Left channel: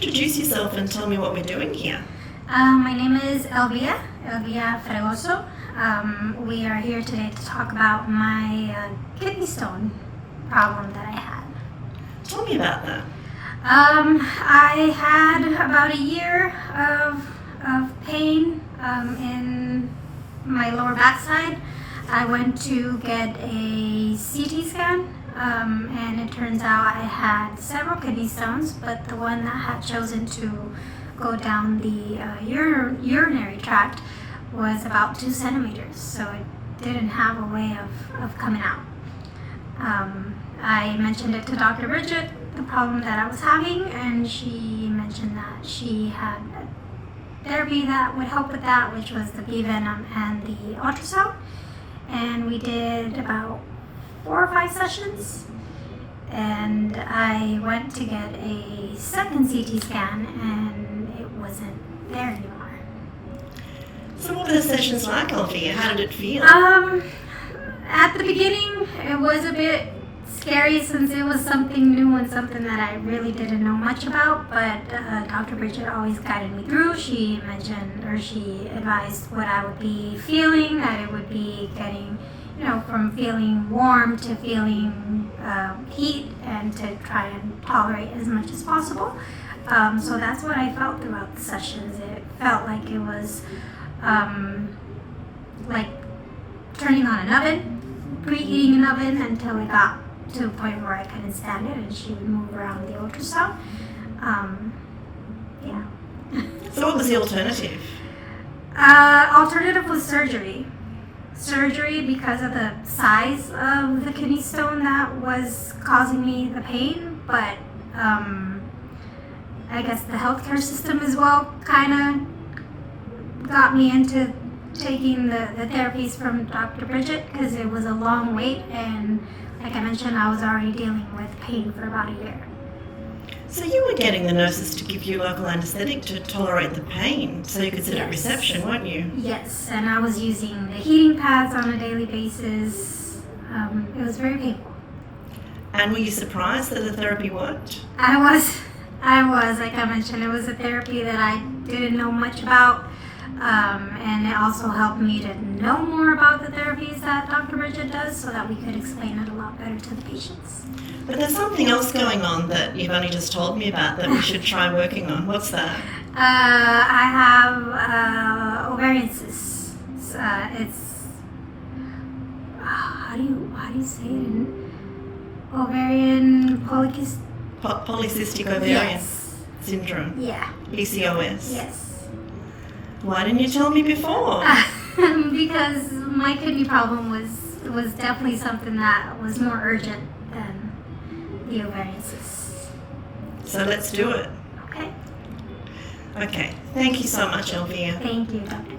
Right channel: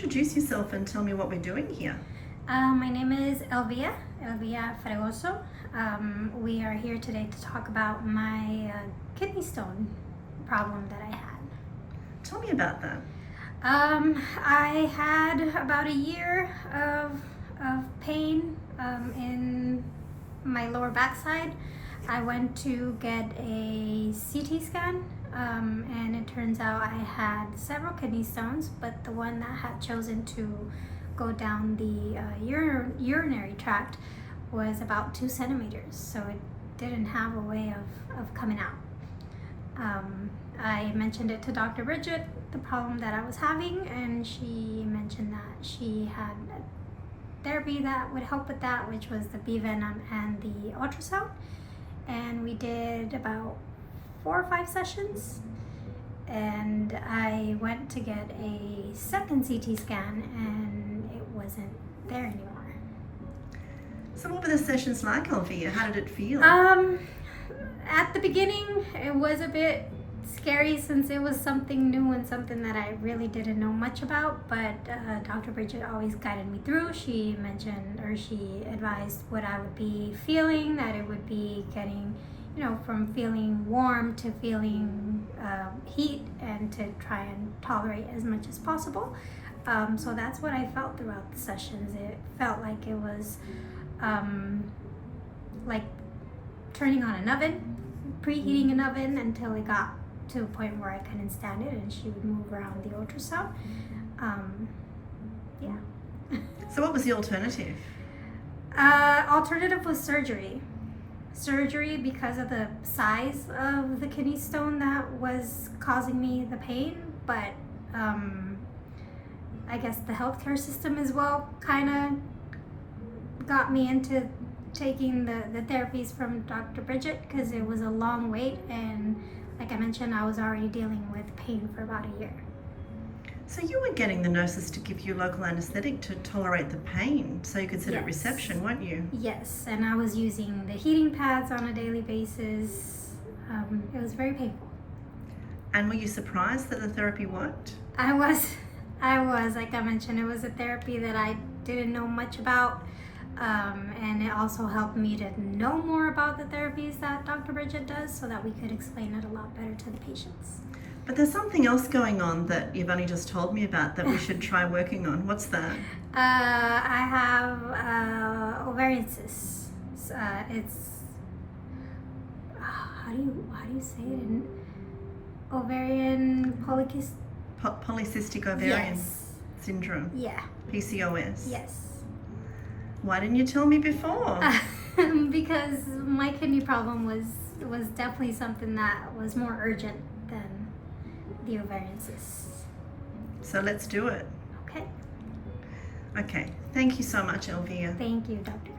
Introduce yourself and tell me what we're doing here. My name is Elvia Fregoso. We are here today to talk about my kidney stone problem that I had. Tell me about that. I had about a year of pain in my lower backside. I went to get a CT scan, and it turns out I had several kidney stones, but the one that had chosen to go down the urinary tract was about 2 centimeters, so it didn't have a way of coming out. I mentioned it to Dr. Bridget, the problem that I was having, and she mentioned that she had a therapy that would help with that, which was the bee venom and the ultrasound. And we did about 4 or 5 sessions, and I went to get a second CT scan, and it wasn't there anymore. So what were the sessions like, Elvia? How did it feel? At the beginning, it was a bit scary since it was something new and something that I really didn't know much about, but Dr. Bridget always guided me through. She advised what I would be feeling, that it would be getting, from feeling warm to feeling heat, and to try and tolerate as much as possible. So that's what I felt throughout the sessions. It felt like it was like turning on an oven, preheating an oven until it got to a point where I couldn't stand it, and she would move around the ultrasound. Yeah. So what was the alternative? Alternative was surgery. Surgery because of the size of the kidney stone that was causing me the pain, but I guess the healthcare system as well kind of got me into taking the therapies from Dr. Bridget, because it was a long wait, and like I mentioned, I was already dealing with pain for about a year. So you were getting the nurses to give you local anaesthetic to tolerate the pain so you could sit at reception, weren't you? Yes, and I was using the heating pads on a daily basis. It was very painful. And were you surprised that the therapy worked? I was. Like I mentioned, it was a therapy that I didn't know much about. And it also helped me to know more about the therapies that Dr. Bridget does, so that we could explain it a lot better to the patients. But there's something else going on that you've only just told me about that we should try working on. What's that? I have ovarian cysts. It's how do you say it? Ovarian polycystic ovarian syndrome. Yeah. PCOS. Yes. Why didn't you tell me before? Because my kidney problem was definitely something that was more urgent than the ovarian cysts. So let's do it. Okay. Okay. Thank you so much, Elvia. Thank you, Dr.